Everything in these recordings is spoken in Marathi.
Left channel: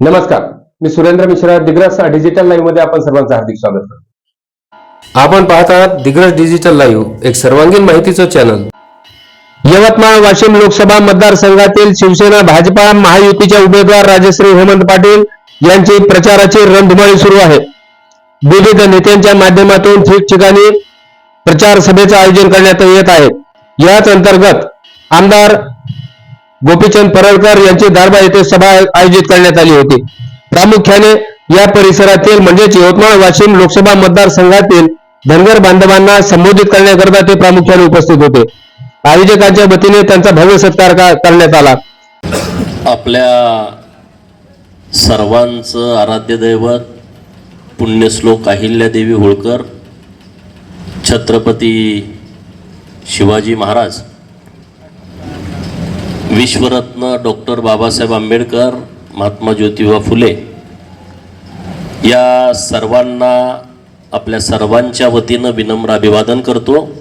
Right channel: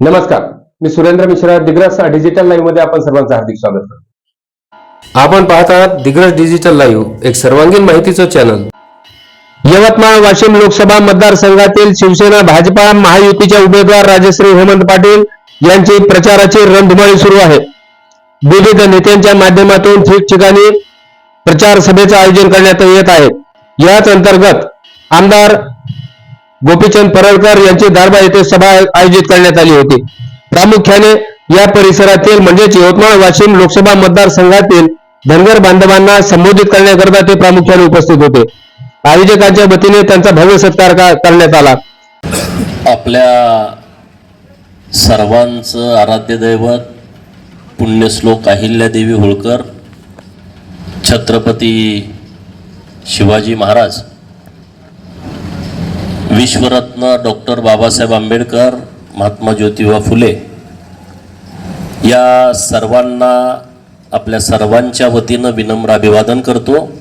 नमस्कार. मी सुरेंद्र मिश्रा दिग्रस डिजिटल लाईव्हमध्ये आपण सर्वांचं हार्दिक स्वागत करतो. आपण पाहत आहात दिग्रस डिजिटल लाईव्ह एक सर्वांगीण माहितीचं चॅनल यवतमाळ वाशिम लोकसभा मतदारसंघातील शिवसेना भाजपा महायुतीच्या उमेदवार राजश्री हेमंत पाटील यांची प्रचाराची रणधुमाळी सुरू आहे. विविध नेत्यांच्या माध्यमातून ठिकठिकाणी प्रचार सभेचं आयोजन करण्यात येत आहे. याच अंतर्गत आमदार गोपीचंद परळकर यांची दारबा येथे सभा आयोजित करण्यात आली होती. प्रामुख्याने या परिसरातील म्हणजेच यवतमाळ वाशिम लोकसभा मतदारसंघातील धनगर बांधवांना संबोधित करण्याकरता ते प्रामुख्याने उपस्थित होते. आयोजकांच्या वतीने त्यांचा भव्य सत्कार करण्यात आला. आपल्या सर्वांचं आराध्य दैवत पुण्यश्लोक अहिल्यादेवी होळकर छत्रपती शिवाजी महाराज विश्वरत्न डॉक्टर बाबासाहेब आंबेडकर महात्मा ज्योतिबा फुले या सर्वांना आपल्या सर्वांच्या वतीनं विनम्र अभिवादन करतो.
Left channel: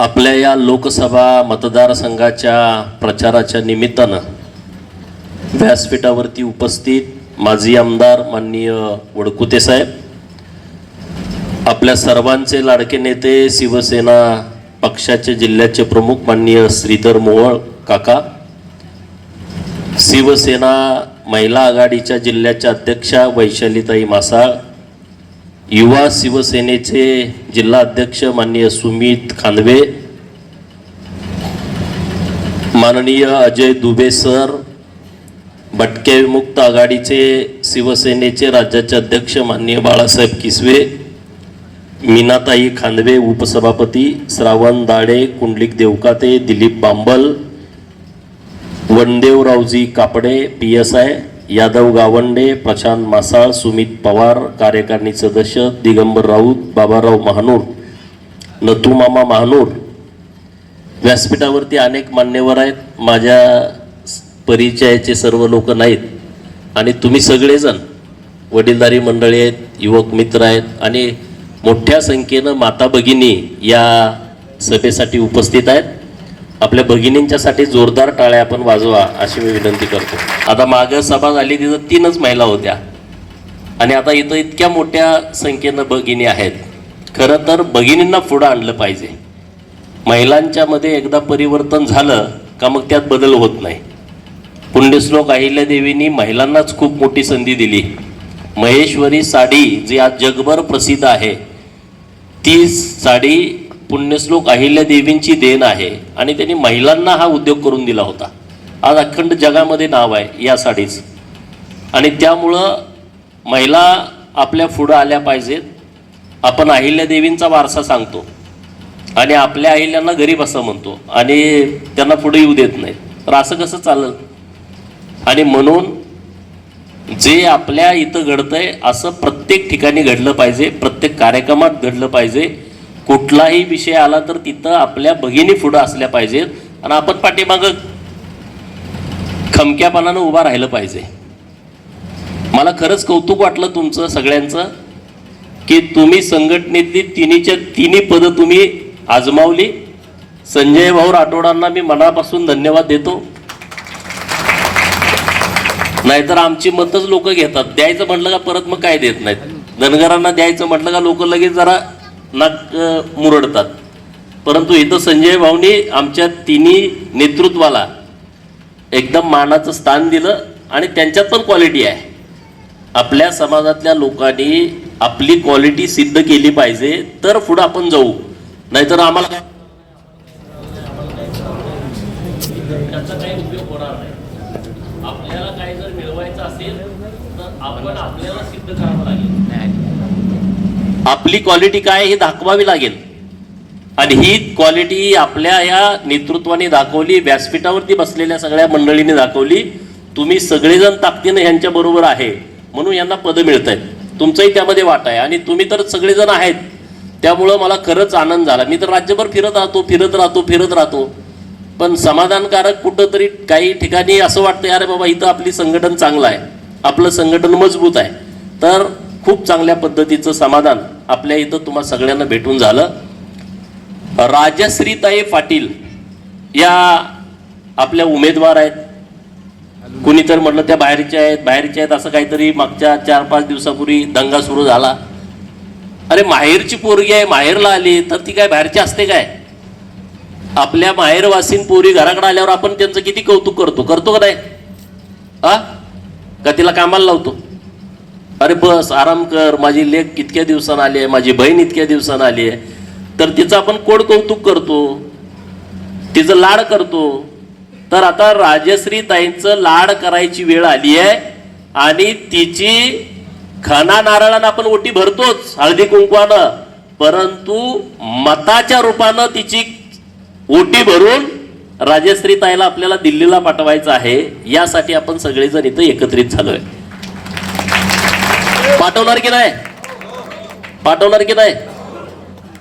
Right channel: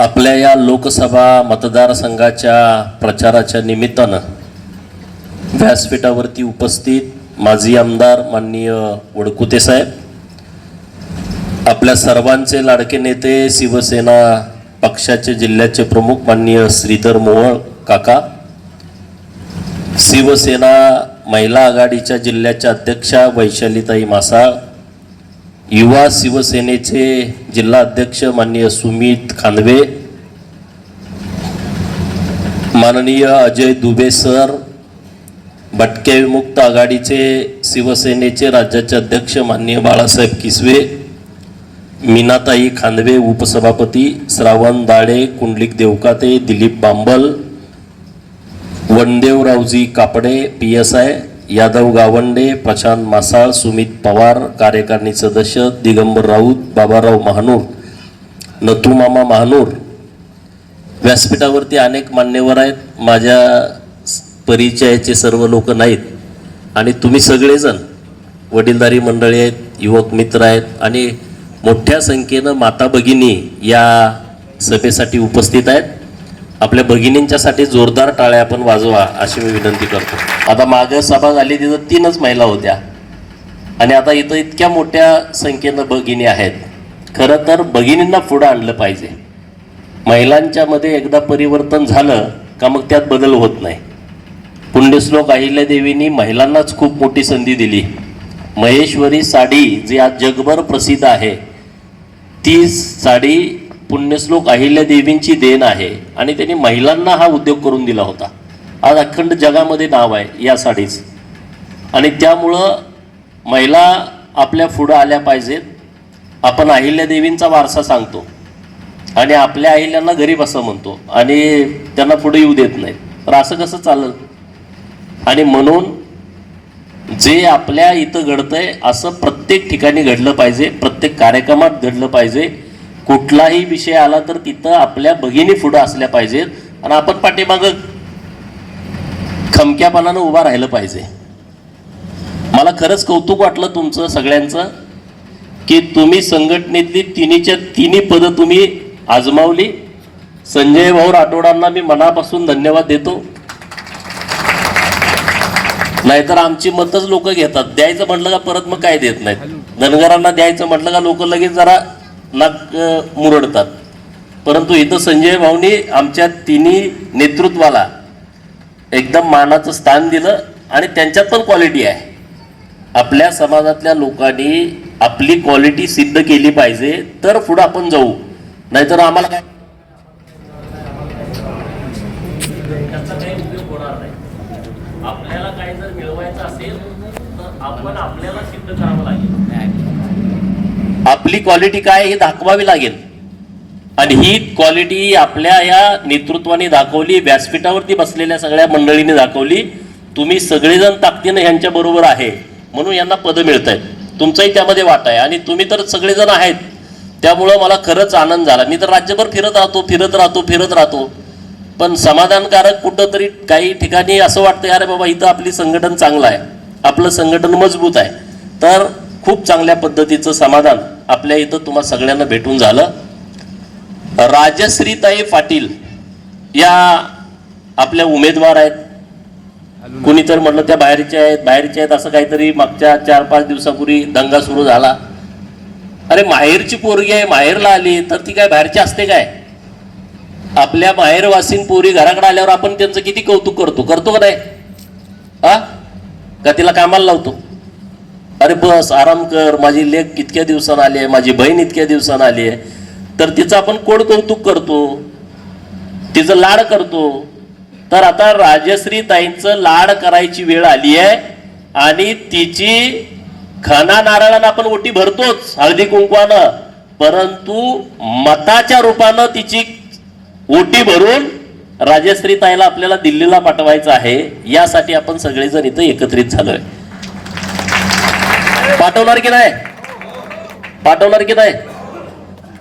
आपल्या या लोकसभा मतदारसंघाच्या प्रचाराच्या निमित्तानं व्यासपीठावरती उपस्थित माजी आमदार माननीय वडकुते साहेब आपल्या सर्वांचे लाडके नेते शिवसेना पक्षाचे जिल्ह्याचे प्रमुख माननीय श्रीधर मोहोळ काका शिवसेना महिला आघाडीच्या जिल्ह्याच्या अध्यक्षा वैशालीताई मासाळ युवा शिवसेनेचे जिल्हा अध्यक्ष माननीय सुमित खांदवे माननीय अजय दुबे सर भटके विमुक्त आघाडीचे शिवसेनेचे राज्याचे अध्यक्ष माननीय बाळासाहेब किसवे मीनाताई खांदवे उपसभापती Shravan Dade Kundalik Devkate Dilip Bambal वनदेवरावजी Kapde P S I Yadav Gawande Prashant Masal Sumit Pawar कार्यकारिणी सदस्य दिगंबर राऊत बाबाराव महानूर नथुमामा महानूर. व्यासपीठावरती अनेक मान्यवर आहेत. माझ्या परिचयाचे सर्व लोक नाहीत. आणि तुम्ही सगळेजण वडीलधारी मंडळी आहेत युवक मित्र आहेत. आणि मोठ्या संख्येनं माता भगिनी या सभेसाठी उपस्थित आहेत. आपल्या भगिनींच्यासाठी जोरदार टाळ्या आपण वाजवा अशी मी विनंती करतो. आता मागं सभा झाली तिथं तीनच महिला होत्या. आणि आता इथं इतक्या मोठ्या संख्येनं भगिनी आहेत. खरं तर भगिनींना पुढं आणलं पाहिजे. महिलांच्यामध्ये एकदा परिवर्तन झालं का मग त्यात बदल होत नाही. पुण्यश्लोक अहिल्यादेवींनी महिलांनाच खूप मोठी संधी दिली. महेश्वरी साडी जी आज जगभर प्रसिद्ध आहे ती साडी पुण्यश्लोक अहिल्या देवींची देण आहे आणि त्यांनी महिलांना हा उद्योग करून दिला होता. आज अखंड जगामध्ये नाव आहे या साडीच. आणि त्यामुळं महिला आपल्या पुढं आल्या पाहिजेत. आपण अहिल्या देवींचा वारसा सांगतो. आणि आपल्या अहिल्यांना गरीब असं म्हणतो. आणि त्यांना पुढे येऊ देत नाही. तर असं कसं चालेल? आणि म्हणून जे आपल्या इथं घडतंय असं प्रत्येक ठिकाणी घडलं पाहिजे प्रत्येक कार्यक्रमात घडलं पाहिजे. कुठलाही विषय आला तर तिथं आपल्या भगिनी पुढं असल्या पाहिजेत आणि आपण पाठीमागं खमक्यापणानं उभा राहिलं पाहिजे. मला खरंच कौतुक वाटलं तुमचं सगळ्यांचं की तुम्ही संघटनेतली तिन्हीच्या तिन्ही पदं तुम्ही आजमावली. संजय भाऊ राठोडांना मी मनापासून धन्यवाद देतो. नाहीतर आमची मतच लोक घेतात. द्यायचं म्हटलं का परत मग काय देत नाहीत. धनगरांना द्यायचं म्हटलं का लोक लगेच जरा नाक मुरडतात. परंतु इथं संजय भाऊनी आमच्या तिन्ही नेतृत्वाला एकदम मानाचं स्थान दिलं आणि त्यांच्यात पण क्वालिटी आहे. आपल्या समाजातल्या लोकांनी आपली क्वालिटी सिद्ध केली पाहिजे तर पुढं आपण जाऊ. नाहीतर आम्हाला काय त्याचा काही उपयोग होणार नाही. आपल्याला काही जर मिळवायचं असेल तर आपण आपल्याला सिद्ध करावं लागेल. आपली क्वालिटी काय हे दाखवावी लागेल. आणि ही क्वालिटी आपल्या या नेतृत्वाने दाखवली व्यासपीठावरती बसलेल्या सगळ्या मंडळींनी दाखवली. तुम्ही सगळेजण ताकदीनं यांच्या बरोबर आहे म्हणून यांना पदं मिळत आहेत तुमचंही त्यामध्ये वाटा आहे. आणि तुम्ही तर सगळेजण आहेत. त्यामुळं मला खरंच आनंद झाला. मी तर राज्यभर फिरत राहतो फिरत राहतो फिरत राहतो. पण समाधानकारक कुठंतरी काही ठिकाणी असं वाटतं अरे बाबा इथं आपली संघटन चांगलं आहे. आपलं संघटन मजबूत आहे. तर खूप चांगल्या पद्धतीचं समाधान आपल्या इथं तुम्हा सगळ्यांना भेटून झालं. राजश्रीताई पाटील या आपल्या उमेदवार आहेत. कुणी तर म्हटलं त्या बाहेरच्या आहेत बाहेरच्या आहेत असं काहीतरी मागच्या चार पाच दिवसापूर्वी दंगा सुरू झाला. अरे माहेरची पोरगी आहे माहेरला आली तर ती काय बाहेरची असते काय? आपल्या माहेरवासीन पोरी घराकडे आल्यावर आपण त्यांचं किती कौतुक करतो? करतो का नाही? हा का तिला कामाला लावतो? अरे बस आराम कर. माझी लेख इतक्या दिवसानं आली आहे? माझी बहीण इतक्या दिवसानं आली आहे. तर तिचं आपण कोण कौतुक करतो? तिचं लाड करतो. तर आता राजश्री ताईंचं लाड करायची वेळ आली आहे आणि तिची खना नारळानं आपण ओटी भरतोच हळदी कुंकवानं. परंतु मताच्या रूपानं तिची ओटी भरून राजश्री ताईला आपल्याला दिल्लीला पाठवायचं आहे यासाठी आपण सगळेजण इथं एकत्रित झालोय. पाठवणार की नाही? पाठवणार की नाही?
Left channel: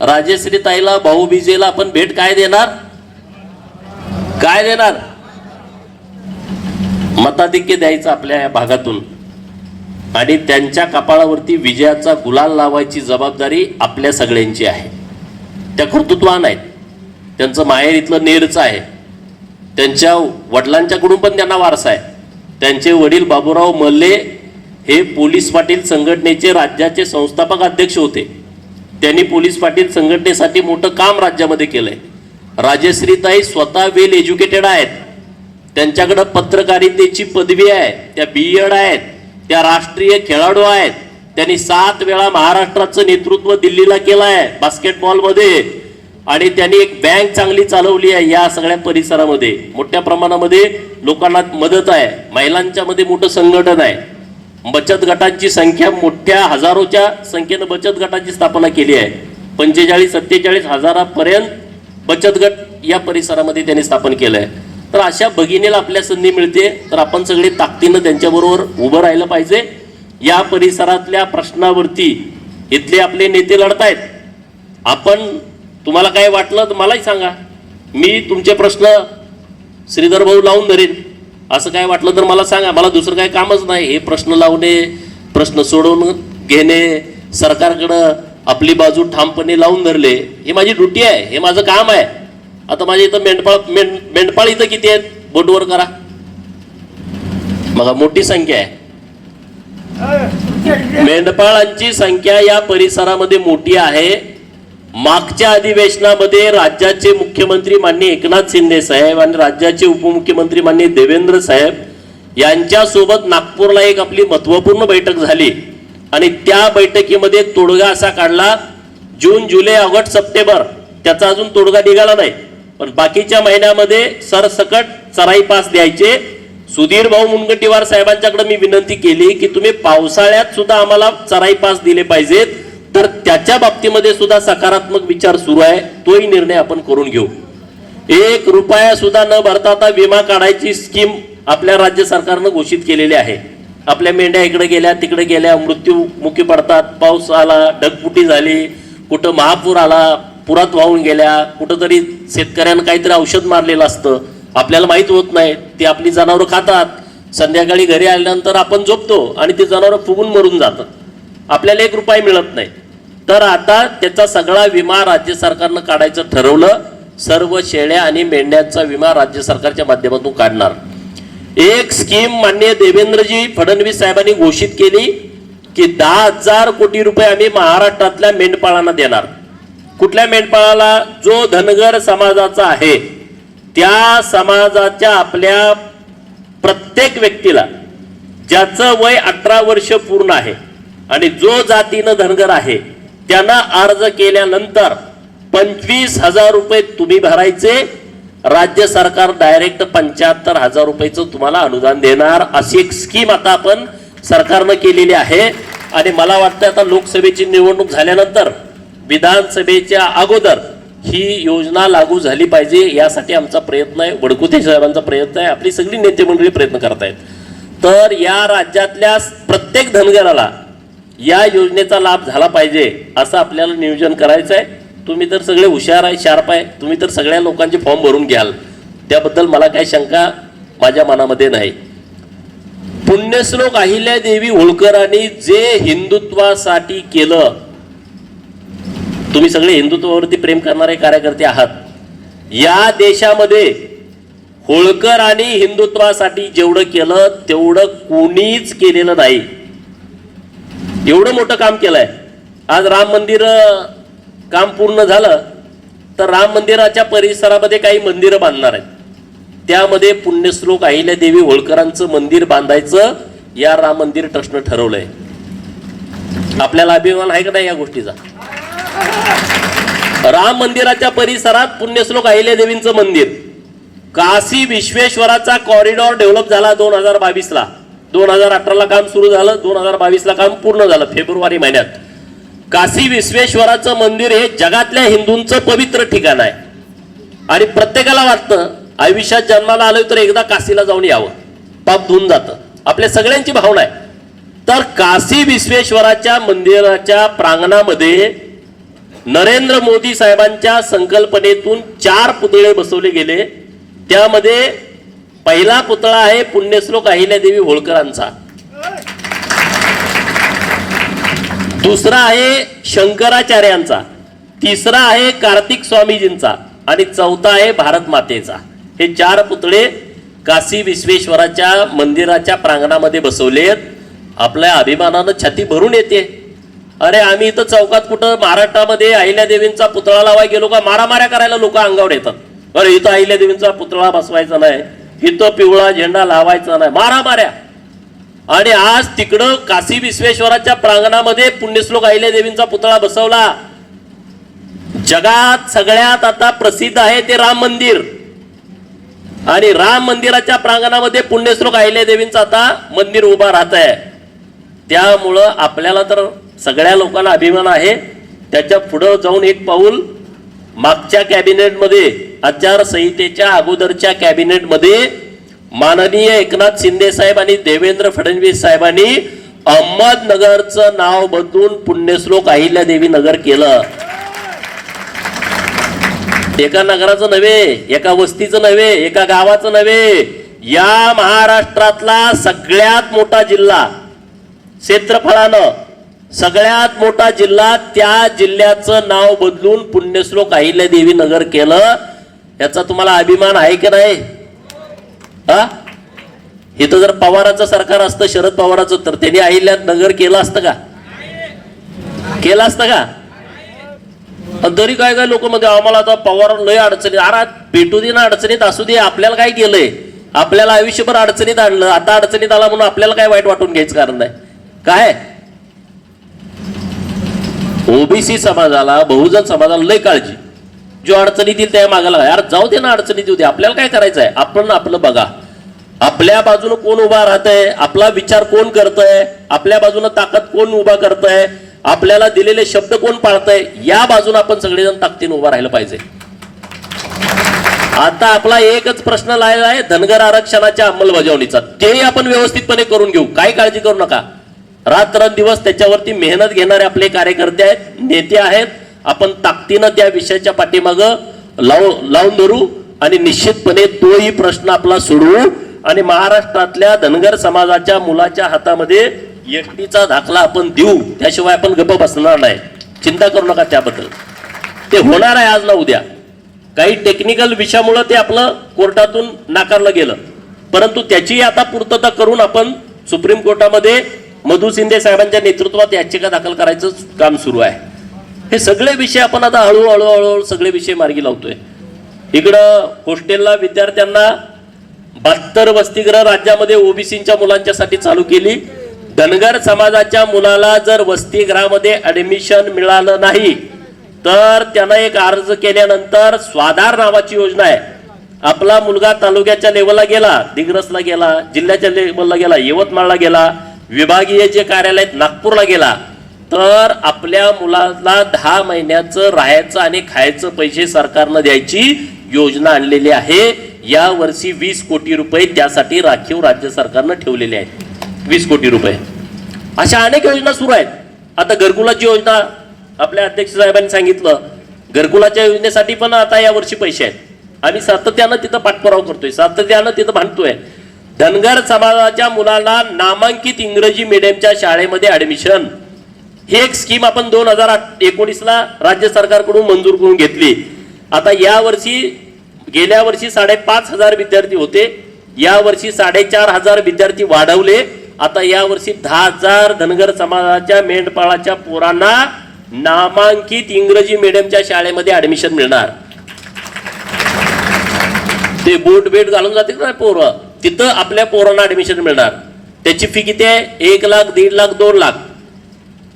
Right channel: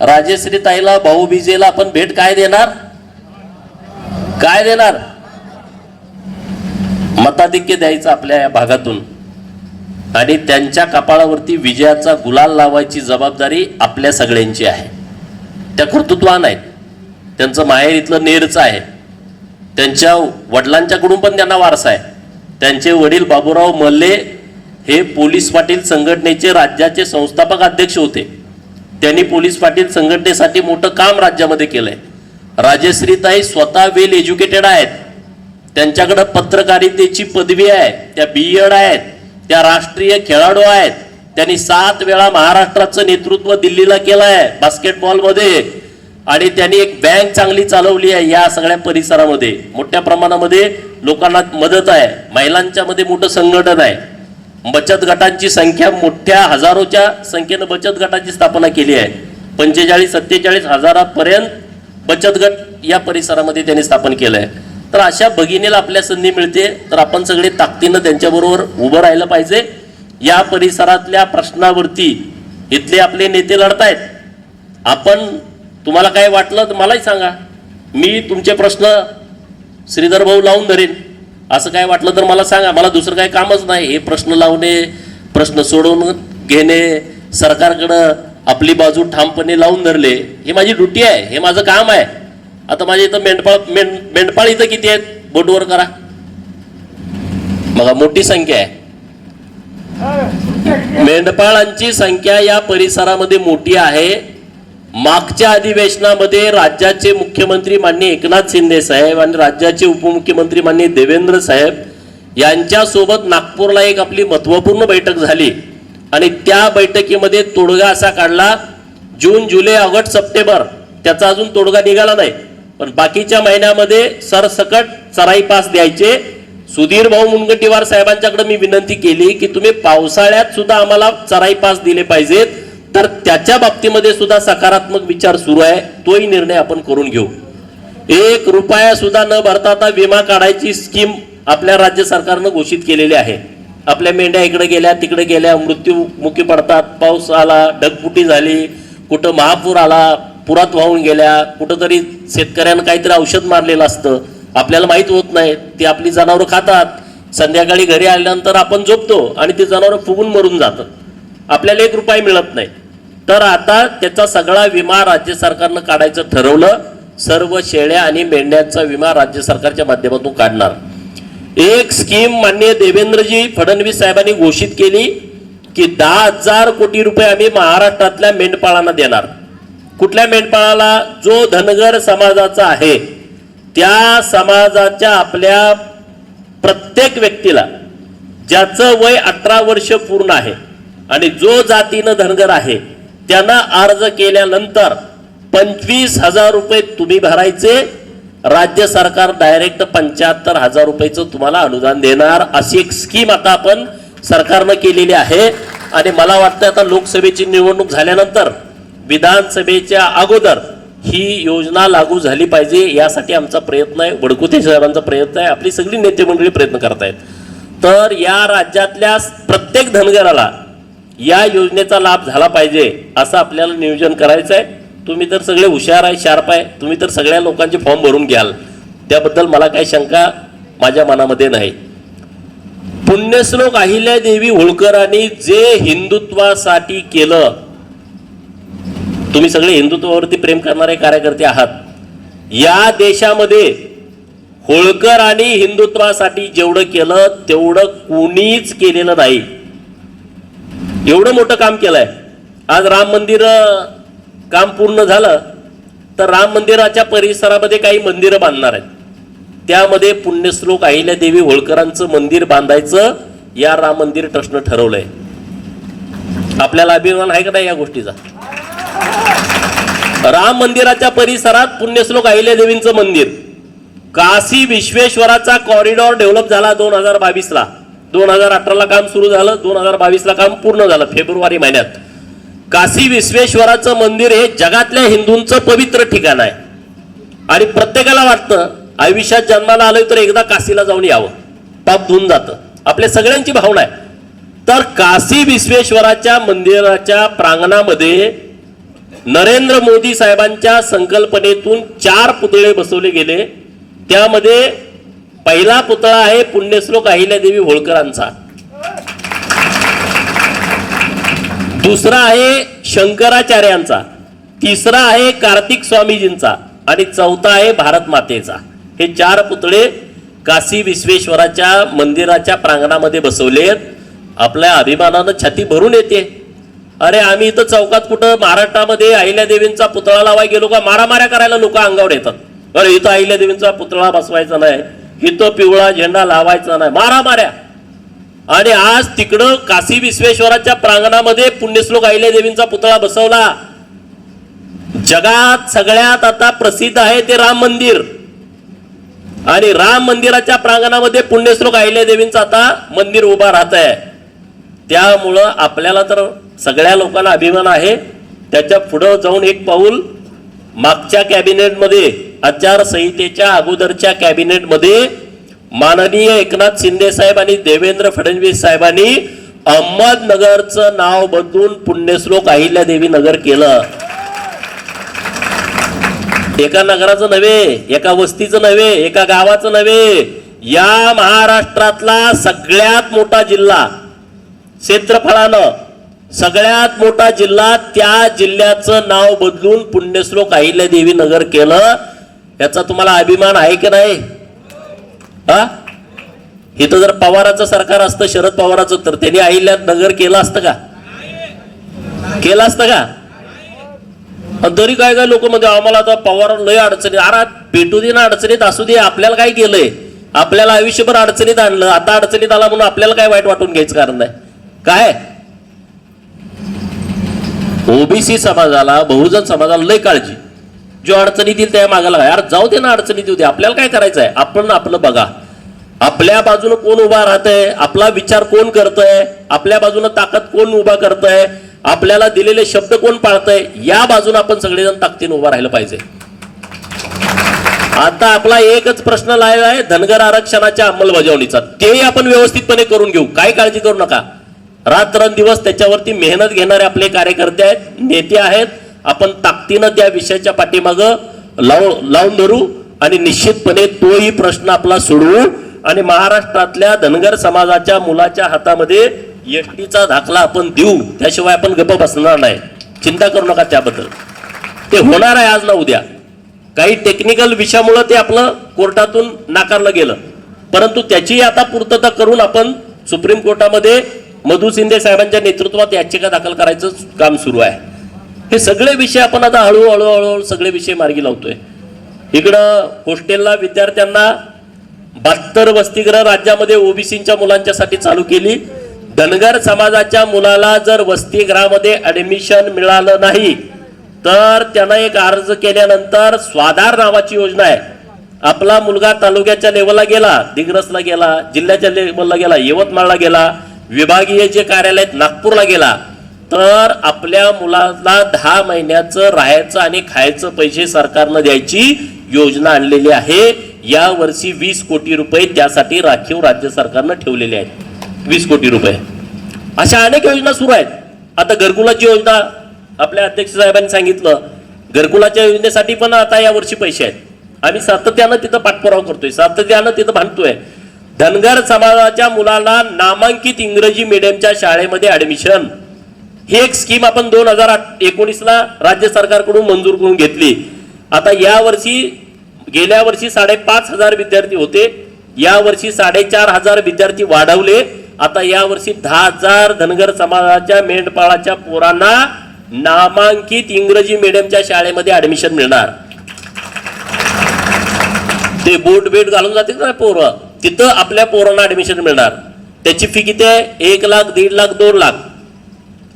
राजश्री ताईला भाऊ आपण भेट काय देणार? काय देणार? मताधिक्य द्यायचं आपल्या या भागातून. आणि त्यांच्या कपाळावरती विजयाचा गुलाल लावायची जबाबदारी आपल्या सगळ्यांची आहे. त्या कर्तृत्वान आहेत. त्यांचं माहेर इथलं नेरचं आहे. त्यांच्या वडिलांच्याकडून पण त्यांना वारसा आहे. त्यांचे वडील बाबूराव मल्ले हे पोलीस पाटील संघटनेचे राज्याचे संस्थापक अध्यक्ष होते. त्यांनी पोलीस पाटील संघटनेसाठी मोठं काम राज्यामध्ये केलंय. राजश्रीताई स्वतः वेल एज्युकेटेड आहेत. त्यांच्याकडं पत्रकारितेची पदवी आहे त्या बी एड आहेत त्या राष्ट्रीय खेळाडू आहेत. त्यांनी सात वेळा महाराष्ट्राचं नेतृत्व दिल्लीला केलं आहे बास्केटबॉलमध्ये आणि त्यांनी एक बँक चांगली चालवली आहे या सगळ्या परिसरामध्ये. मोठ्या प्रमाणामध्ये लोकांना मदत आहे. महिलांच्या मध्ये मोठं संघटन आहे. बचत गटांची संख्या मोठ्या हजारोच्या संख्येनं बचत गटाची स्थापना केली आहे. पंचेचाळीस सत्तेचाळीस हजारापर्यंत बचत गट या परिसरामध्ये त्यांनी स्थापन केलं आहे तर अशा भगिनीला आपल्या संधी मिळते तर आपण सगळे ताकदीनं त्यांच्याबरोबर उभं राहिलं पाहिजे. या परिसरातल्या प्रश्नावरती इथले आपले नेते लढतायत. आपण तुम्हाला काय वाटलं तर मलाही सांगा. मी तुमचे प्रश्न श्रीधर भाऊ लावून धरेन. असं काय वाटलं तर मला सांगा. मला दुसरं काही कामच नाही. हे प्रश्न लावणे प्रश्न सोडवून घेणे सरकारकडं आपली बाजू ठामपणे लावून धरले हे माझी ड्युटी आहे. हे माझं काम आहे. आता माझ्या इथं मेंढपाळ मेंढ मेंढपाळ इथं किती आहेत? बोटवर करा. बघा मोठी संख्या आहे. मेंढपाळांची संख्या या परिसरामध्ये मोठी आहे. मागच्या अधिवेशनामध्ये राज्याचे मुख्यमंत्री माननीय एकनाथ शिंदे साहेब आणि राज्याचे उपमुख्यमंत्री माननीय देवेंद्र साहेब यांच्यासोबत नागपूरला एक आपली महत्त्वपूर्ण बैठक झाली. आणि त्या बैठकीमध्ये तोडगा असा काढला जून जुलै ऑगस्ट सप्टेंबर त्याचा अजून तोडगा निघाला नाही. पण बाकीच्या महिन्यामध्ये सरसकट चराई पास द्यायचे. सुधीर भाऊ मुनगंटीवार साहेबांच्याकडे मी विनंती केली की तुम्ही पावसाळ्यात सुद्धा आम्हाला चराई पास दिले पाहिजेत. तर त्याच्या बाबतीमध्ये सुद्धा सकारात्मक विचार सुरू आहे. तोही निर्णय आपण करून घेऊ. एक रुपया सुद्धा न भरता विमा काढायची स्कीम आपल्या राज्य सरकारनं घोषित केलेली आहे. आपल्या मेंढ्या इकडे गेल्या तिकडे गेल्या मृत्यू मुखी पडतात पाऊस आला ढगफुटी झाली कुठं महापूर आला पुरात वाहून गेल्या कुठंतरी शेतकऱ्यांना काहीतरी औषध मारलेलं असतं. आपल्याला माहीत होत नाही. ती आपली जनावरं खातात. संध्याकाळी घरी आल्यानंतर आपण झोपतो आणि ती जनावरं फुगून मरून जातात. आपल्याला एक रुपया मिळत नाही. तर आता त्याचा सगळा विमा राज्य सरकारनं काढायचं ठरवलं. सर्व शेळ्या आणि मेंढ्यांचा विमा राज्य सरकारच्या माध्यमातून काढणार. एक स्कीम माननीय देवेंद्रजी फडणवीस साहेबांनी घोषित केली की दहा हजार कोटी रुपये आम्ही महाराष्ट्रातल्या मेंढपाळांना देणार. कुठल्या मेंढपाळाला? जो धनगर समाजाचा आहे त्या समाजाच्या आपल्या प्रत्येक व्यक्तीला ज्याचं वय अठरा वर्ष पूर्ण आहे आणि जो जातीनं धनगर आहे त्यांना अर्ज केल्यानंतर पंचवीस हजार रुपये तुम्ही भरायचे राज्य सरकार डायरेक्ट पंच्याहत्तर हजार रुपयेचं तुम्हाला अनुदान देणार. अशी एक स्कीम आता आपण सरकारनं केलेली आहे. आणि मला वाटतं आता लोकसभेची निवडणूक झाल्यानंतर विधानसभेच्या अगोदर ही योजना लागू झाली पाहिजे यासाठी आमचा प्रयत्न आहे. वडकुते साहेबांचा प्रयत्न आहे. आपली सगळी नेते मंडळी प्रयत्न करतायत. तर या राज्यातल्या प्रत्येक धनगराला या योजनेचा लाभ झाला पाहिजे असं आपल्याला नियोजन करायचं आहे. तुम्ही तर सगळे हुशार आहे शार्प आहे. तुम्ही तर सगळ्या लोकांचे फॉर्म भरून घ्याल. त्याबद्दल मला काही शंका माझ्या मनामध्ये नाही. पुण्यश्लोक अहिल्यादेवी होळकरांनी जे हिंदुत्वासाठी केलं तुम्ही सगळे हिंदुत्वावरती प्रेम करणारे कार्यकर्ते आहात. या देशामध्ये होळकर आणि हिंदुत्वासाठी जेवढं केलं तेवढं कोणीच केलेलं नाही. एवढं मोठं काम केलंय. आज राम मंदिर काम पूर्ण झालं तर राम मंदिराच्या परिसरामध्ये काही मंदिरं बांधणार आहेत. त्यामध्ये पुण्यश्लोक अहिल्यादेवी होळकरांचं मंदिर बांधायचं या राम मंदिर ट्रस्टनं ठरवलंय. आपल्याला अभिमान आहे का नाही या गोष्टीचा? राम मंदिराच्या परिसरात पुण्यश्लोक अहिल्यादेवींचं मंदिर. काशी विश्वेश्वराचा कॉरिडॉर डेव्हलप झाला दोन हजार बावीसला. दोन हजार अठराला काम सुरू झालं दोन हजार बावीसला काम पूर्ण झालं फेब्रुवारी महिन्यात. काशी विश्वेश्वराचं मंदिर हे जगातल्या हिंदूंचं पवित्र ठिकाण आहे. आणि प्रत्येकाला वाटतं आयुष्यात जन्माला आलोय तर एकदा काशीला जाऊन यावं. पाप धुवून जातं. आपल्या सगळ्यांची भावना आहे. तर काशी विश्वेश्वराच्या मंदिराच्या प्रांगणामध्ये नरेंद्र मोदी साहेबांच्या संकल्पनेतून चार पुतळे बसवले गेले. त्यामध्ये पहिला पुतळा आहे पुण्यश्लोक अहिल्यादेवी होळकरांचा. दुसरा आहे शंकराचार्यांचा. तिसरा आहे कार्तिक स्वामीजींचा आणि चौथा आहे भारत मातेचा. हे चार पुतळे काशी विश्वेश्वराच्या मंदिराच्या प्रांगणामध्ये बसवलेत आपल्या अभिमानानं छाती भरून येते. अरे आम्ही इथं चौकात कुठं महाराष्ट्रामध्ये अहिल्यादेवींचा पुतळा लावाय गेलो का? मारामाऱ्या करायला लोक अंगावर येतात. अरे इथं अहिल्यादेवींचा पुतळा बसवायचा नाही. इथं पिवळा झेंडा लावायचा नाही. मारामाऱ्या आणि आज तिकडं काशी विश्वेश्वराच्या प्रांगणामध्ये पुण्यश्लोक अहिल्यादेवींचा पुतळा बसवला. जगात सगळ्यात आता प्रसिद्ध आहे ते राम मंदिर. आणि राम मंदिराच्या प्रांगणामध्ये पुण्यश्लोक अहिल्यादेवींचं आता मंदिर उभा राहत आहे. त्यामुळं आपल्याला तर सगळ्या लोकांना अभिमान आहे. त्याच्या पुढं जाऊन एक पाऊल मागच्या कॅबिनेटमध्ये आचारसंहितेच्या अगोदरच्या कॅबिनेटमध्ये माननीय एकनाथ शिंदे साहेब आणि देवेंद्र फडणवीस साहेबांनी अहमदनगरचं नाव बदलून पुण्यश्लोक अहिल्यादेवी नगर केलं. एका नगराचं नव्हे एका वस्तीचं नव्हे एका गावाचं नव्हे या महाराष्ट्रातला सगळ्यात मोठा जिल्हा क्षेत्रफळानं सगळ्यात मोठा जिल्हा त्या जिल्ह्याचं नाव बदलून पुण्यश्लोक अहिल्यादेवी नगर केलं. याचा तुम्हाला अभिमान आहे की नाही? हा? इथं जर पवाराचं सरकार असतं शरद पवाराचं तर त्यांनी अहिल्या नगर केलं असतं का? केलं असतं का? आणि तरी काय काय लोक मध्ये आम्हाला आता पवार लय अडचणी अरे भेटू दे ना अडचणीत असू दे आपल्याला काय केलंय? आपल्याला आयुष्यभर अडचणीत आणलं. आता अडचणीत आला म्हणून आपल्याला काय वाईट वाटून घ्यायचं कारण नाही? काय? ओबीसी समाजाला बहुजन समाजाला लय काळजी. जो अडचणीत येईल त्या मागायला यार जाऊ दे ना अडचणीत येऊ दे. आपल्याला काय करायचं आहे आपण आपलं बघा. आपल्या बाजूनं कोण उभा राहतंय? आपला विचार कोण करतंय? आपल्या बाजूनं ताकद कोण उभा करतंय? आपल्याला दिलेले शब्द कोण पाळतंय? या बाजूने आपण सगळेजण ताकदीनं उभा राहिलं पाहिजे. आता आपला एकच प्रश्न लावला आहे धनगर आरक्षणाच्या अंमलबजावणीचा. तेही आपण व्यवस्थितपणे करून घेऊ. काय काळजी करू नका. रात्रंदिवस त्याच्यावरती मेहनत घेणारे आपले कार्यकर्ते आहेत नेते आहेत आपण ताकदीनं त्या विषयाच्या पाठीमागं लाव लावून धरू आणि निश्चितपणे तोही प्रश्न आपला सोडवू आणि महाराष्ट्रातल्या धनगर समाजाच्या मुलाच्या हातामध्ये एसटीचा दाखला आपण देऊ. त्याशिवाय आपण गप्प बसणार नाही. चिंता करू नका त्याबद्दल. ते होणार आहे आज ना उद्या. काही टेक्निकल विषयामुळं ते आपलं कोर्टातून नाकारलं गेलं. परंतु त्याचीही आता पूर्तता करून आपण सुप्रीम कोर्टामध्ये मधु शिंदे साहेबांच्या नेतृत्वात याचिका दाखल करायचं काम सुरू आहे. हे सगळे विषय आपण आता हळूहळू हळूहळू सगळे विषय मार्गी लावतोय. इकडं हॉस्टेलला विद्यार्थ्यांना बहात्तर वसतिगृह राज्यामध्ये ओबीसीच्या मुलांच्यासाठी चालू केली. धनगर समाजाच्या मुलाला जर वसतिगृहामध्ये ऍडमिशन मिळालं नाही तर त्यानं एक अर्ज केल्यानंतर स्वाधार नावाची योजना आहे. आपला मुलगा तालुक्याच्या लेवलला गेला दिग्रसला गेला जिल्ह्याच्या लेवलला गेला यवतमाळला गेला विभागीय जे कार्यालय आहेत, नागपूरला गेला तर आपल्या मुलाला दहा महिन्याचं राहायचं आणि खायचं पैसे सरकारनं द्यायची योजना आणलेली आहे. या वर्षी वीस कोटी रुपये त्यासाठी राखीव राज्य सरकारनं ठेवलेले आहेत. वीस कोटी रुपये. अशा अनेक योजना सुरू आहेत. आता घरकुलाची योजना आपल्या अध्यक्ष साहेबांनी सांगितलं. घरकुलाच्या योजनेसाठी पण आता या वर्षी पैसे आहेत. आम्ही सातत्यानं तिथं पाठपुरावा करतोय. सातत्यानं तिथं भांडतोय. धनगर समाजाच्या मुलाला नामांकित इंग्रजी मीडियमच्या शाळेमध्ये ॲडमिशन ही एक स्कीम आपण दोन हजार एकोणीसला राज्य सरकारकडून मंजूर करून घेतली. आता यावर्षी गेल्या वर्षी साडेपाच हजार विद्यार्थी होते. यावर्षी साडेचार हजार विद्यार्थी वाढवले. आता यावर्षी दहा हजार धनगर समाजाच्या मेंढपाळाच्या पोरांना नामांकित इंग्रजी मीडियमच्या शाळेमध्ये ऍडमिशन मिळणार. ते बोट बेट घालून जाते ना पोरं. तिथं आपल्या पोरांना ऍडमिशन मिळणार. त्याची फी किती आहे? एक लाख दीड लाख दोन लाख.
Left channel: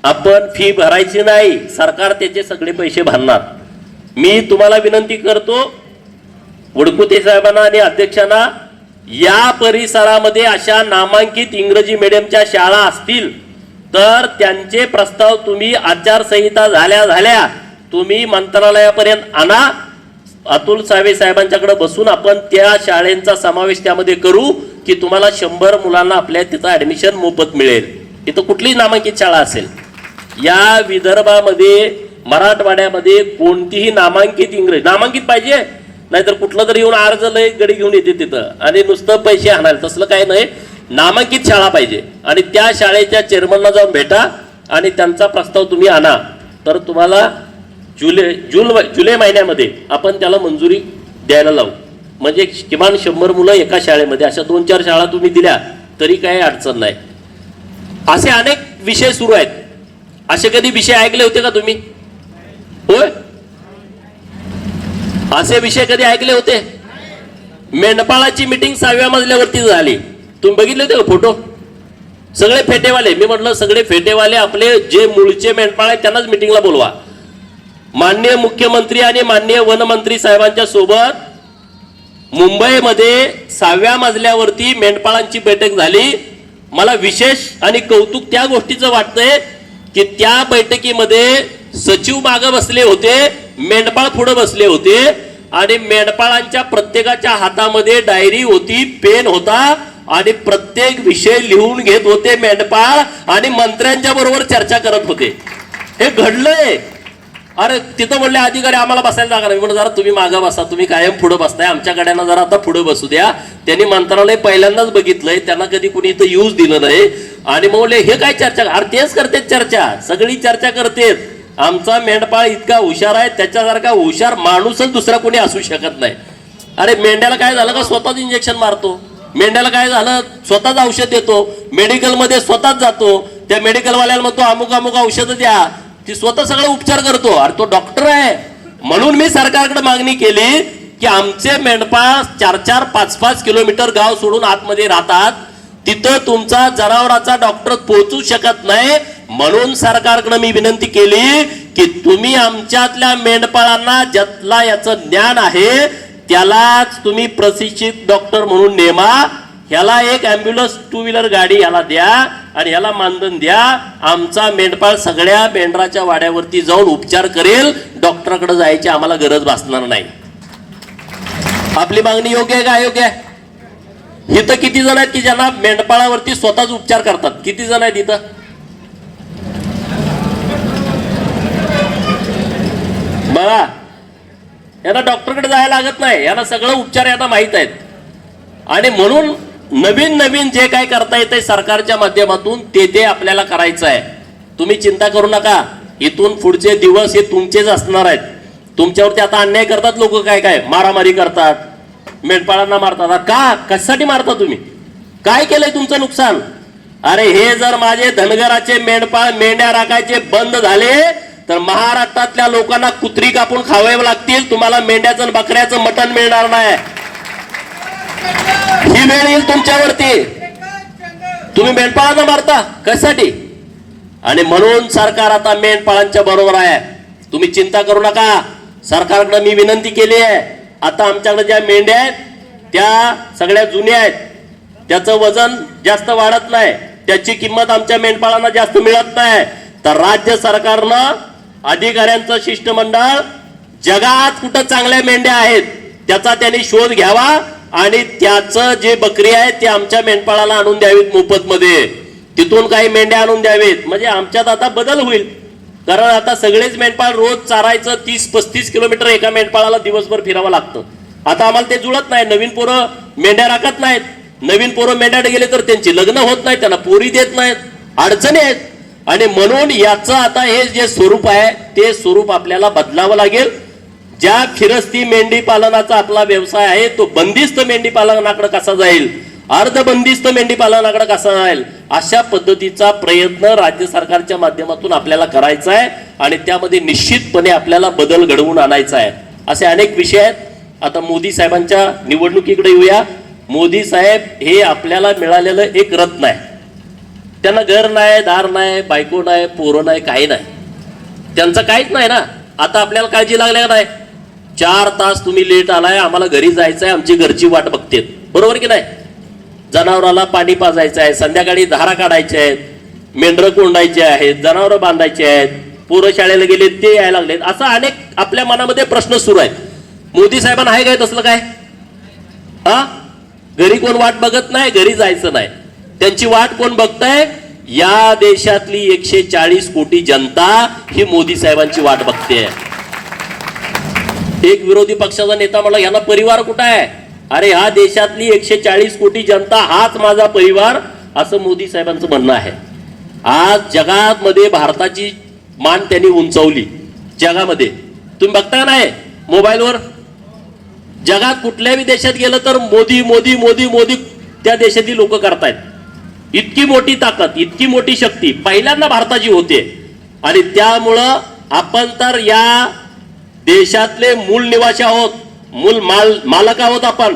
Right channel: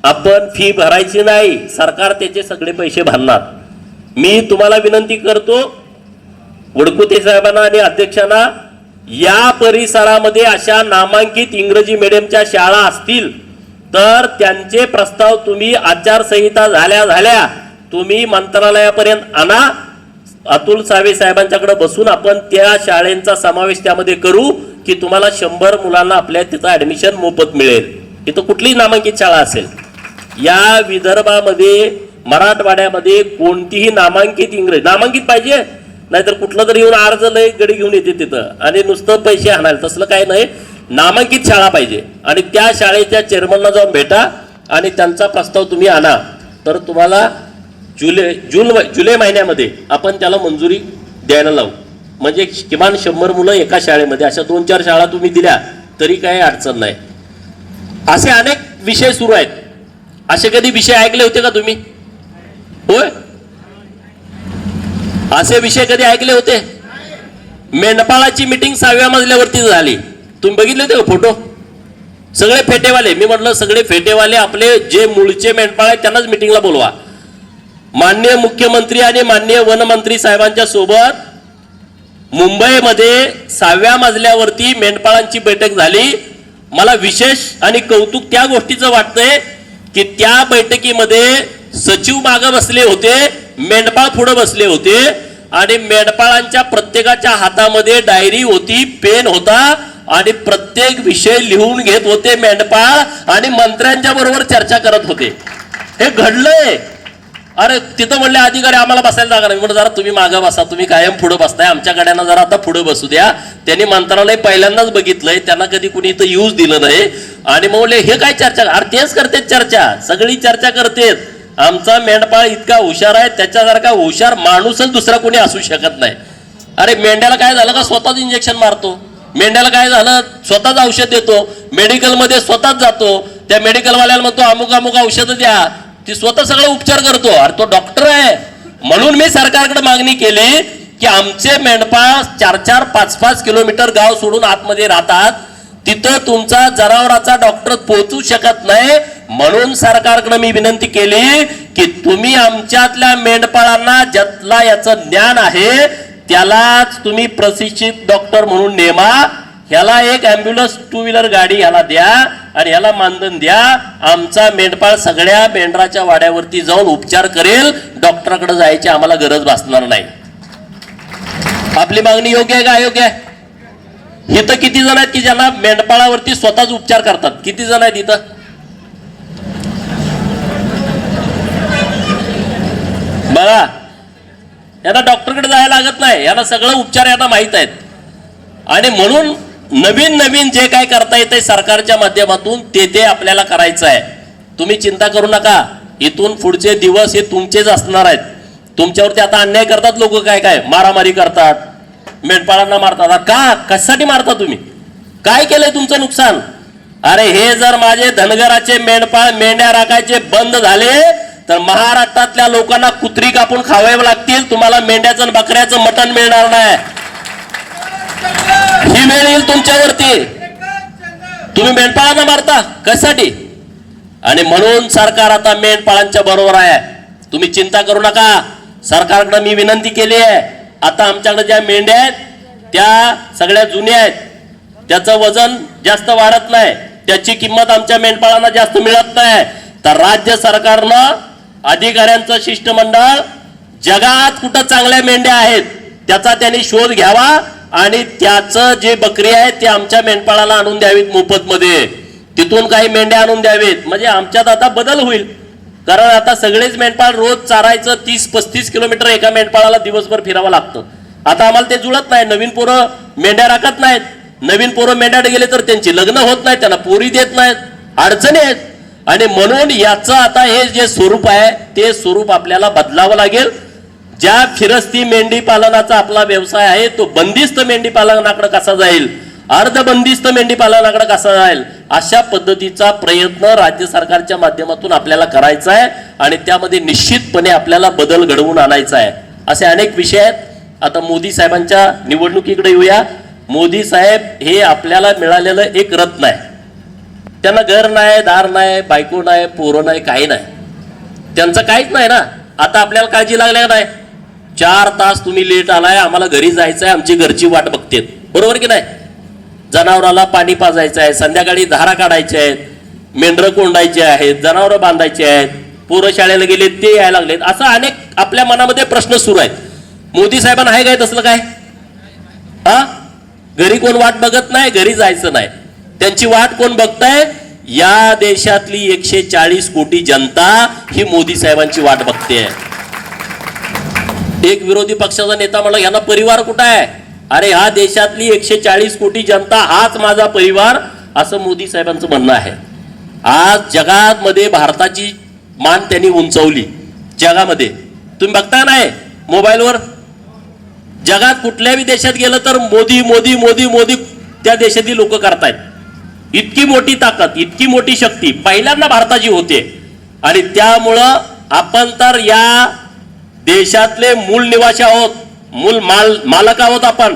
आपण फी भरायची नाही सरकार त्याचे सगळे पैसे भरणार. मी तुम्हाला विनंती करतो वडकुते साहेबांना आणि अध्यक्षांना या परिसरामध्ये अशा नामांकित इंग्रजी मीडियमच्या शाळा असतील तर त्यांचे प्रस्ताव तुम्ही आचारसंहिता झाल्या झाल्या तुम्ही मंत्रालयापर्यंत आणा. अतुल सावे साहेबांच्याकडे बसून आपण त्या शाळेंचा समावेश त्यामध्ये करू की तुम्हाला शंभर मुलांना आपल्या तिथं ॲडमिशन मोफत मिळेल. इथं कुठलीही नामांकित शाळा असेल. या विदर्भामध्ये मराठवाड्यामध्ये कोणतीही नामांकित इंग्रजी नामांकित पाहिजे. नाहीतर कुठलं तरी येऊन अर्ज लय गडी घेऊन येते तिथं. आणि नुसतं पैसे आणाल तसलं काय नाही. नामांकित शाळा पाहिजे. आणि त्या शाळेच्या चेअरमनला जाऊन भेटा आणि त्यांचा प्रस्ताव तुम्ही आणा. तर तुम्हाला जुलै जून जुलै महिन्यामध्ये आपण त्याला मंजुरी द्यायला लावू. म्हणजे किमान शंभर मुलं एका शाळेमध्ये अशा दोन चार शाळा तुम्ही दिल्या तरी काही अडचण नाही. असे अनेक विषय सुरू आहेत. असे कधी विषय ऐकले होते का तुम्ही? होय? असे विषय कधी ऐकले होते? मेंढपाळाची मिटिंग सहाव्या मजल्यावरती झाली. तुम्ही बघितले होते का फोटो सगळे फेटेवाले. मी म्हटलं सगळे फेटेवाले आपले जे मूळचे मेंढपाळ आहेत त्यांनाच मिटिंगला बोलवा. माननीय मुख्यमंत्री आणि माननीय वनमंत्री साहेबांच्या सोबत मुंबईमध्ये सहाव्या मजल्यावरती मेंढपाळांची बैठक झाली. मला विशेष आणि कौतुक त्या गोष्टीचं वाटतंय की त्या बैठकीमध्ये सचिव मागं बसले होते मेंढपाळ पुढे बसले होते आणि मेंढपाळांच्या प्रत्येकाच्या हातामध्ये डायरी होती पेन होता आणि प्रत्येक विषय लिहून घेत होते मेंढपाळ आणि मंत्र्यांच्या बरोबर चर्चा करत होते. हे घडलंय. अरे तिथं म्हणले अधिकारी आम्हाला बसायला जागा नाही. म्हणून जरा तुम्ही मागं बसा तुम्ही कायम पुढे बसताय. आमच्या जरा आता पुढे बसू द्या. त्यांनी मंत्रालय पहिल्यांदाच बघितलंय त्यांना कधी कुणी इथं यूज दिलं नाही. आणि मग म्हणले हे काय चर्चा? अरे तेच करतेत चर्चा. सगळी चर्चा करतेत. आमचा मेंढपाळ इतका हुशार आहे त्याच्यासारखा हुशार माणूसच दुसरा कोणी असू शकत नाही. अरे मेंढ्याला काय झालं का? स्वतःच इंजेक्शन मारतो. मेंढ्याला काय झालं? स्वतःच औषध देतो. मेडिकलमध्ये स्वतःच जातो. त्या मेडिकलवाल्याला म्हणतो अमुक अमुक औषधं द्या. ती स्वतः सगळे उपचार करतो. अरे तो डॉक्टर आहे. म्हणून मी सरकारकडे मागणी केली की आमचे मेंढपाळ चार चार पाच पाच किलोमीटर गाव सोडून आतमध्ये राहतात. तिथं तुमचा जनावराचा डॉक्टर पोहोचू शकत नाही. म्हणून सरकारकडे मी विनंती केली की तुम्ही आमच्यातल्या मेंढपाळांना ज्यातला याचं ज्ञान आहे त्यालाच तुम्ही प्रशिक्षित डॉक्टर म्हणून नेमा. ह्याला एक ॲम्ब्युलन्स टू व्हीलर गाडी ह्याला द्या आणि ह्याला मानधन द्या. आमचा मेंढपाळ सगळ्या मेंढराच्या वाड्यावरती जाऊन उपचार करेल. डॉक्टरकडे जायची आम्हाला गरज भासणार नाही. आपली मागणी योग्य आहे का अयोग्य आहे? इथं किती जण आहेत की ज्यांना मेंढपाळावरती स्वतःच उपचार करतात? किती जण आहेत इथं? बघा. यांना डॉक्टरकडे जायला लागत नाही. यांना सगळं उपचार यांना माहीत आहेत. आणि म्हणून नवीन नवीन जे काय करता येते सरकारच्या माध्यमातून ते ते आपल्याला करायचं आहे. तुम्ही चिंता करू नका. इथून पुढचे दिवस हे तुमचेच असणार आहेत. तुमच्यावरती आता अन्याय करतात लोक काय काय? मारामारी करतात. मेंढपाळांना मारतात. आता का? कशासाठी मारता तुम्ही? काय केलंय तुमचं नुकसान? अरे हे जर माझे धनगराचे मेंढपाळ मेंढ्या राखायचे बंद झाले तर महाराष्ट्रातल्या लोकांना कुत्री कापून खावावे लागतील. तुम्हाला मेंढ्याचं बकऱ्याचं मटण मिळणार नाही. ही वेळ येईल तुमच्यावरती. तुम्ही मेंढपाळांना मारता. कशासाठी? आणि म्हणून सरकार आता मेंढपाळांच्या बरोबर आहे. तुम्ही चिंता करू नका. सरकारकडे मी विनंती केली आहे. आता आमच्याकडे ज्या मेंढ्या आहेत त्या सगळ्या जुन्या आहेत. त्याचं वजन जास्त वाढत नाही. त्याची किंमत आमच्या मेंढपाळांना जास्त मिळत नाही. तर राज्य सरकारनं अधिकाऱ्यांचं शिष्टमंडळ जगात कुठं चांगल्या मेंढ्या आहेत त्याचा त्यांनी शोध घ्यावा. आणि त्याचं जे बकरी आहे ते आमच्या मेंढपाळाला आणून द्यावीत मोफत मध्ये तिथून काही मेंढ्या आणून द्यावेत. म्हणजे आमच्यात आता बदल होईल. कारण आता सगळेच मेंढपाळ रोज चारायचं तीस पस्तीस किलोमीटर एका मेंढपाळाला दिवसभर फिरावं लागतं. आता आम्हाला ते जुळत नाही. नवीन पोरं मेंढ्या राखत नाहीत. नवीन पोरं मेंढ्यात गेले तर त्यांची लग्न होत नाहीत त्यांना पोरी देत नाहीत अडचणी आहेत. आणि म्हणून याचं आता हे जे स्वरूप आहे ते स्वरूप आपल्याला बदलावं लागेल. ज्या फिरस्ती मेंढी पालनाचा आपला व्यवसाय आहे तो बंदिस्त मेंढी पालनाकडे कसा जाईल? अर्ध बंदिस्त मेंढी पालनाकडे कसा जाईल? अशा पद्धतीचा प्रयत्न राज्य सरकारच्या माध्यमातून आपल्याला करायचा आहे आणि त्यामध्ये निश्चितपणे आपल्याला बदल घडवून आणायचा आहे. असे अनेक विषय आहेत. आता मोदी साहेबांच्या निवडणुकीकडे येऊया. मोदी साहेब हे आपल्याला मिळालेलं एक रत्न आहे. त्यांना घर नाही दार नाही बायको नाही पोरं नाही काही नाही. त्यांचं काहीच नाही ना. आता आपल्याला काळजी लागल्या नाही? चार तास तुम्ही लेट आलाय आम्हाला घरी जायचंय आमची घरची वाट बघतेत. बरोबर की नाही? जनावराला पाणी पाजायचं आहे संध्याकाळी धारा काढायच्या आहेत मेंढरं कोंडायचे आहेत जनावरं बांधायचे आहेत पोरं शाळेला गेले ते यायला लागलेत. असं अनेक आपल्या मनामध्ये प्रश्न सुरू आहेत. मोदी साहेबांना आहे काय तसलं काय? हा? घरी कोण वाट बघत नाही घरी जायचं नाही. त्यांची वाट कोण बघताय? या देशातली एकशे चाळीस कोटी जनता ही मोदी साहेबांची वाट बघते. एक विरोधी पक्षाचा नेता म्हणला यांना परिवार कुठं आहे? अरे हा देशातली एकशे चाळीस कोटी जनता हाच माझा परिवार असं मोदी साहेबांचं म्हणणं आहे. आज जगात मध्ये भारताची मान त्यांनी उंचवली. जगामध्ये. तुम्ही बघताय नाही मोबाईलवर? जगात कुठल्याही देशात गेलं तर मोदी मोदी मोदी मोदी त्या देशातील लोक करतायत. इतकी मोठी ताकद इतकी मोठी शक्ती पहिल्यांदा भारताची होते. आणि त्यामुळं आपण तर या देशातले मूल निवासी आहोत मूल माल मालक आहोत आपण.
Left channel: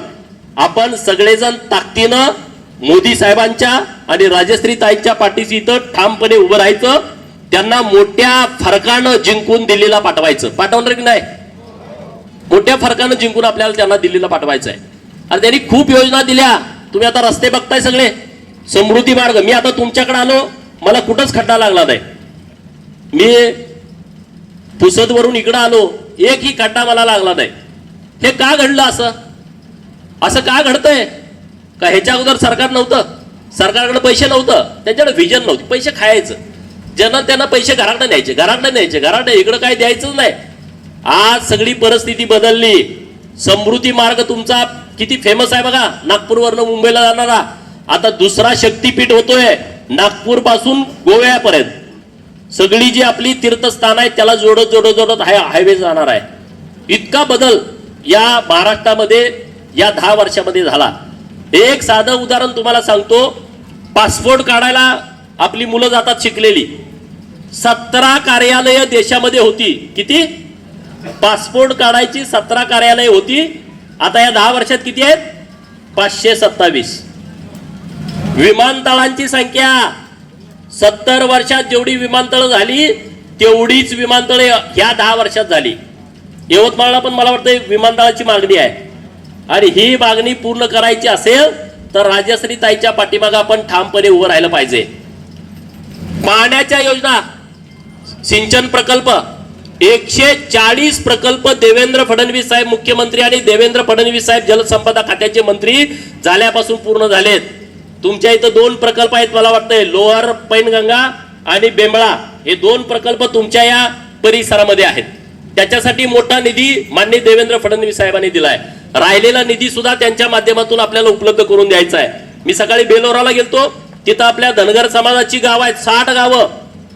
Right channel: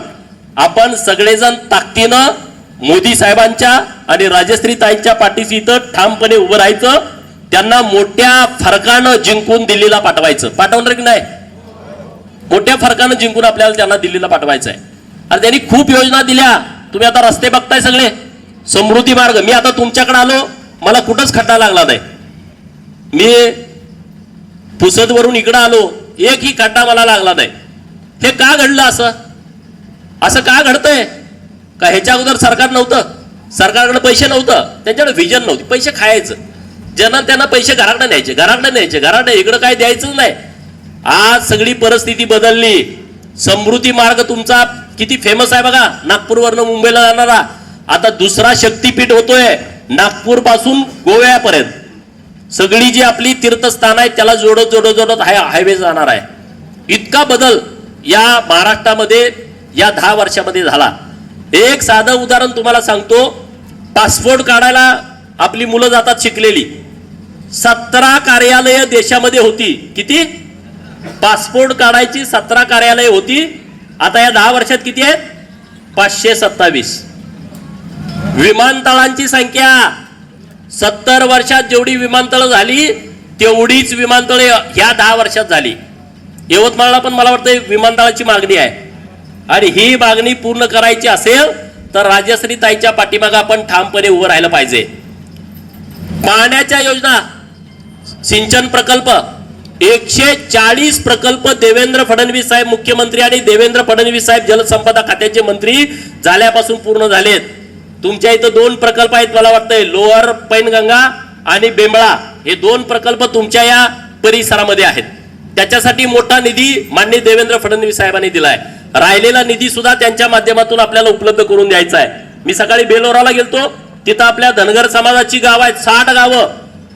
आपण सगळेजण ताकदीनं मोदी साहेबांच्या आणि राजश्री ताईंच्या पाठीशी इथं ठामपणे उभं राहायचं त्यांना मोठ्या फरकानं जिंकून दिल्लीला पाठवायचं. पाठवणार की नाही? मोठ्या फरकानं जिंकून आपल्याला त्यांना दिल्लीला पाठवायचं आहे आणि त्यांनी खूप योजना दिल्या. तुम्ही आता रस्ते बघताय सगळे. समृद्धी मार्ग. मी आता तुमच्याकडे आलो. मला कुठंच खड्डा लागला नाही. मी पुसदवरून इकडं आलो एकही खड्डा मला लागला नाही. हे का घडलं असं? असं का घडतंय? का ह्याच्या अगोदर सरकार नव्हतं? सरकारकडे पैसे नव्हतं. त्यांच्याकडे व्हिजन नव्हती. पैसे खायचं. ज्यांना त्यांना पैसे घराकडे न्यायचे घराकडे न्यायचे. घराकडे इकडं काय द्यायचंच नाही. आज सगळी परिस्थिती बदलली. समृद्धी मार्ग तुमचा किती फेमस आहे बघा. नागपूरवरनं मुंबईला जाणारा. आता दुसरा शक्तीपीठ होतोय नागपूरपासून गोव्यापर्यंत. सगळी जी आपली तीर्थस्थान आहेत त्याला जोडत जोडत जोडत हाय हायवे जाणार आहे. इतका बदल या महाराष्ट्रामध्ये या दहा वर्षामध्ये झाला. एक साधं उदाहरण तुम्हाला सांगतो. पासपोर्ट काढायला आपली मुलं जातात शिकलेली. सतरा कार्यालय देशामध्ये होती. किती? पासपोर्ट काढायची सतरा कार्यालय होती. आता या दहा वर्षात किती आहेत? पाचशे सत्तावीस. विमानतळांची संख्या. सत्तर वर्षात जेवढी विमानतळं झाली तेवढीच विमानतळे ह्या दहा वर्षात झाली. यवतमाळला पण मला वाटतं विमानतळाची मागणी आहे. आणि ही मागणी पूर्ण करायची असेल तर राजश्री ताईच्या पाठीमागे आपण ठामपणे उभं राहिलं पाहिजे. पाण्याच्या योजना सिंचन प्रकल्प एकशे चाळीस प्रकल्प देवेंद्र फडणवीस साहेब मुख्यमंत्री आणि देवेंद्र फडणवीस साहेब जलसंपदा खात्याचे मंत्री झाल्यापासून पूर्ण झालेत. तुमच्या इथं दोन प्रकल्प आहेत मला वाटतंय. लोअर पैनगंगा आणि बेंबळा. हे दोन प्रकल्प तुमच्या या परिसरामध्ये आहेत. त्याच्यासाठी मोठा निधी माननीय देवेंद्र फडणवीस साहेबांनी दिलाय. राहिलेला निधी सुद्धा त्यांच्या माध्यमातून आपल्याला उपलब्ध करून द्यायचा आहे. मी सकाळी बेलोराला गेलतो. तिथं आपल्या धनगर समाजाची गाव आहेत. साठ गावं.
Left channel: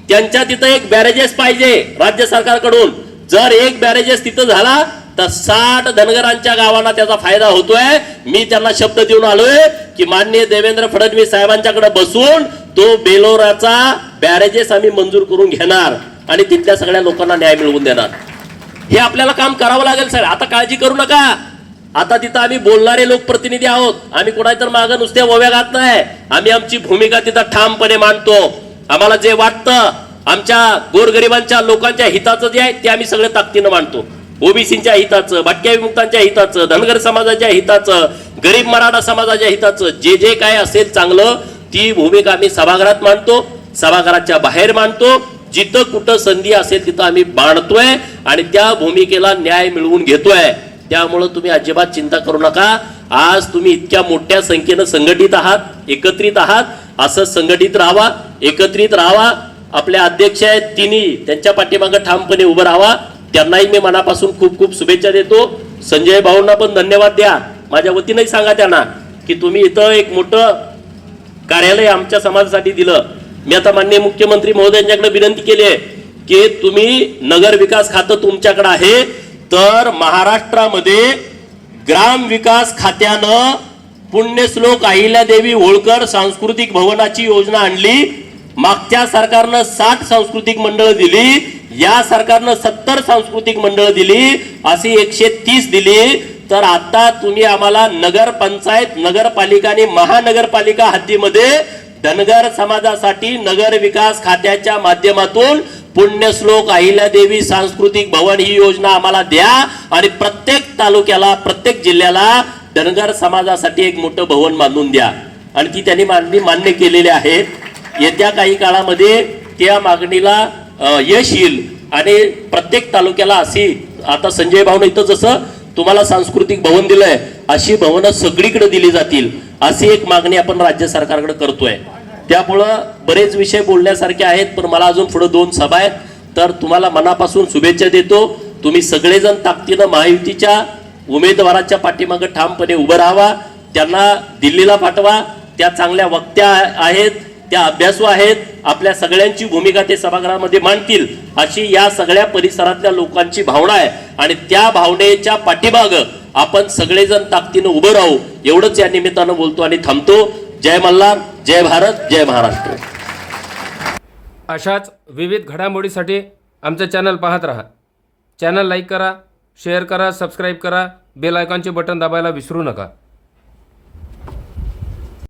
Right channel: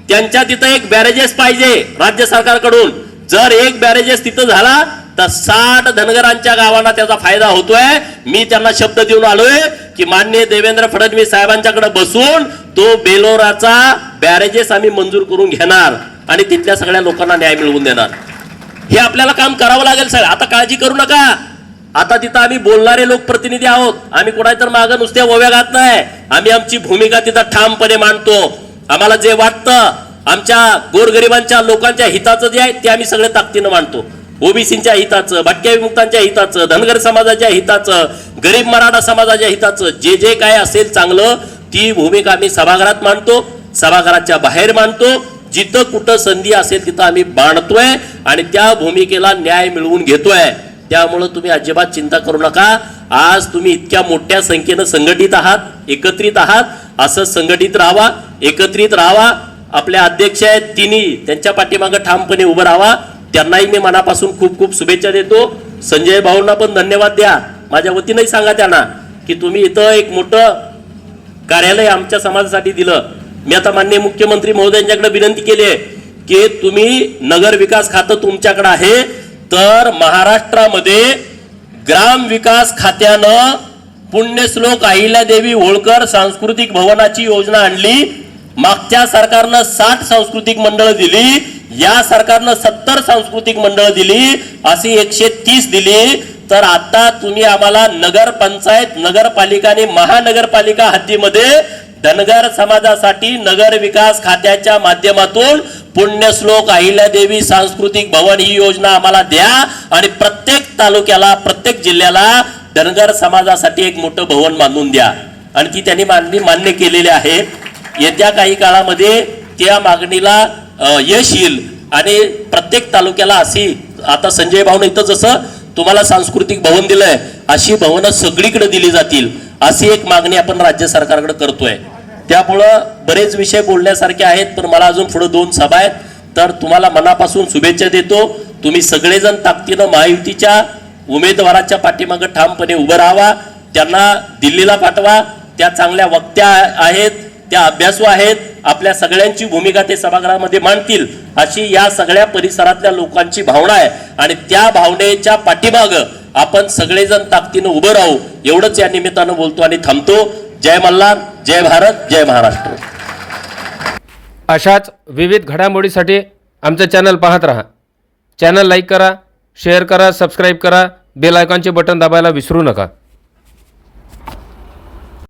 त्यांच्या तिथं एक बॅरेजेस पाहिजे राज्य सरकारकडून. जर एक बॅरेजेस तिथं झाला तर साठ धनगरांच्या गावांना त्याचा फायदा होतोय. मी त्यांना शब्द देऊन आलोय की माननीय देवेंद्र फडणवीस साहेबांच्याकडे बसून तो बेलोराचा बॅरेजेस आम्ही मंजूर करून घेणार आणि तिथल्या सगळ्या लोकांना न्याय मिळवून देणार. हे आपल्याला काम करावं लागेल साहेब. आता काळजी करू नका. आता तिथं आम्ही बोलणारे लोकप्रतिनिधी आहोत. आम्ही कुणाही तर मागं नुसते ओव्या घात नाही. आम्ही आमची भूमिका तिथं ठामपणे मांडतो. आम्हाला जे वाटतं आमच्या गोरगरिबांच्या लोकांच्या हिताचं जे आहे ते आम्ही सगळे ताकदीनं मांडतो. ओबीसीच्या हिताचं भटक्या विमुक्तांच्या हिताचं धनगर समाजाच्या हिताचं गरीब मराठा समाजाच्या हिताचं जे जे काय असेल चांगलं ती भूमिका आम्ही सभागृहात मांडतो सभागृहाच्या बाहेर मांडतो. जिथं कुठं संधी असेल तिथं आम्ही बांधतोय आणि त्या भूमिकेला न्याय मिळवून घेतोय. त्यामुळं तुम्ही अजिबात चिंता करू नका. आज तुम्ही इतक्या मोठ्या संख्येनं संघटित आहात एकत्रित आहात असं संघटित राहावा एकत्रित राहावा आपले अध्यक्ष आहेत तिन्ही त्यांच्या पाठीमागं ठामपणे उभं राहावा त्यांनाही मी मनापासून खूप खूप शुभेच्छा देतो. संजय भाऊंना पण धन्यवाद द्या. माझ्या वतीनंही सांगा त्यांना की तुम्ही इथं एक मोठं कार्यालय आमच्या समाजासाठी दिलं. मी आता माननीय मुख्यमंत्री महोदयांच्याकडे विनंती केली आहे की तुम्ही नगर विकास खातं तुमच्याकडे आहे तर महाराष्ट्रामध्ये ग्राम विकास खात्यानं पुण्यश्लोक अहिल्यादेवी होळकर सांस्कृतिक भवनाची योजना आणली. मागच्या सरकारनं साठ सांस्कृतिक मंडळ दिली. या सरकारनं सत्तर सांस्कृतिक मंडळ दिली अशी एकशे तीस दिली. तर आता तुम्ही आम्हाला नगर पंचायत नगरपालिका आणि महानगरपालिका हद्दीमध्ये धनगर समाजासाठी नगर विकास खात्याच्या माध्यमातून पुण्यश्लोक अहिल्यादेवी सांस्कृतिक भवन ही योजना आम्हाला द्या. आणि प्रत्येक तालुक्याला प्रत्येक जिल्ह्याला धनगर समाजासाठी एक मोठं भवन बांधून द्या. आणि ती त्यांनी मागणी मान्य केलेली आहे. येत्या काही काळामध्ये त्या मागणीला यश येईल. आणि प्रत्येक तालुक्याला अशी आता संजय भाऊन इथं जसं तुम्हाला सांस्कृतिक भवन दिलंय अशी भवनं सगळीकडे दिली जातील अशी एक मागणी आपण राज्य सरकारकडे करतोय. त्यामुळं बरेच विषय बोलण्यासारखे आहेत पण मला अजून पुढे दोन सभा आहेत. तर तुम्हाला मनापासून शुभेच्छा देतो. तुम्ही सगळेजण ताकदीनं महायुतीच्या उमेदवाराच्या पाठीमागं ठामपणे उभं राहावा. त्यांना दिल्लीला पाठवा. त्या चांगल्या वक्त्या आहेत. त्या अभ्यासू आहेत आपल्या सगळ्यांची भूमिका ते सभागृहामध्ये मांडतील अशी या सगळ्या परिसरातल्या लोकांची भावना आहे. आणि त्या भावनेच्या पाठीमाग आपण सगळेजण ताकदीनं उभं राहू एवढंच या निमित्तानं बोलतो आणि थांबतो. जय मल्हार जय भारत जय महाराष्ट्र. अशाच विविध घडामोडीसाठी आमचं चॅनल पाहत राहा. चॅनल लाईक करा शेअर करा सबस्क्राईब करा बेल आयकॉनचे बटन दाबायला विसरू नका.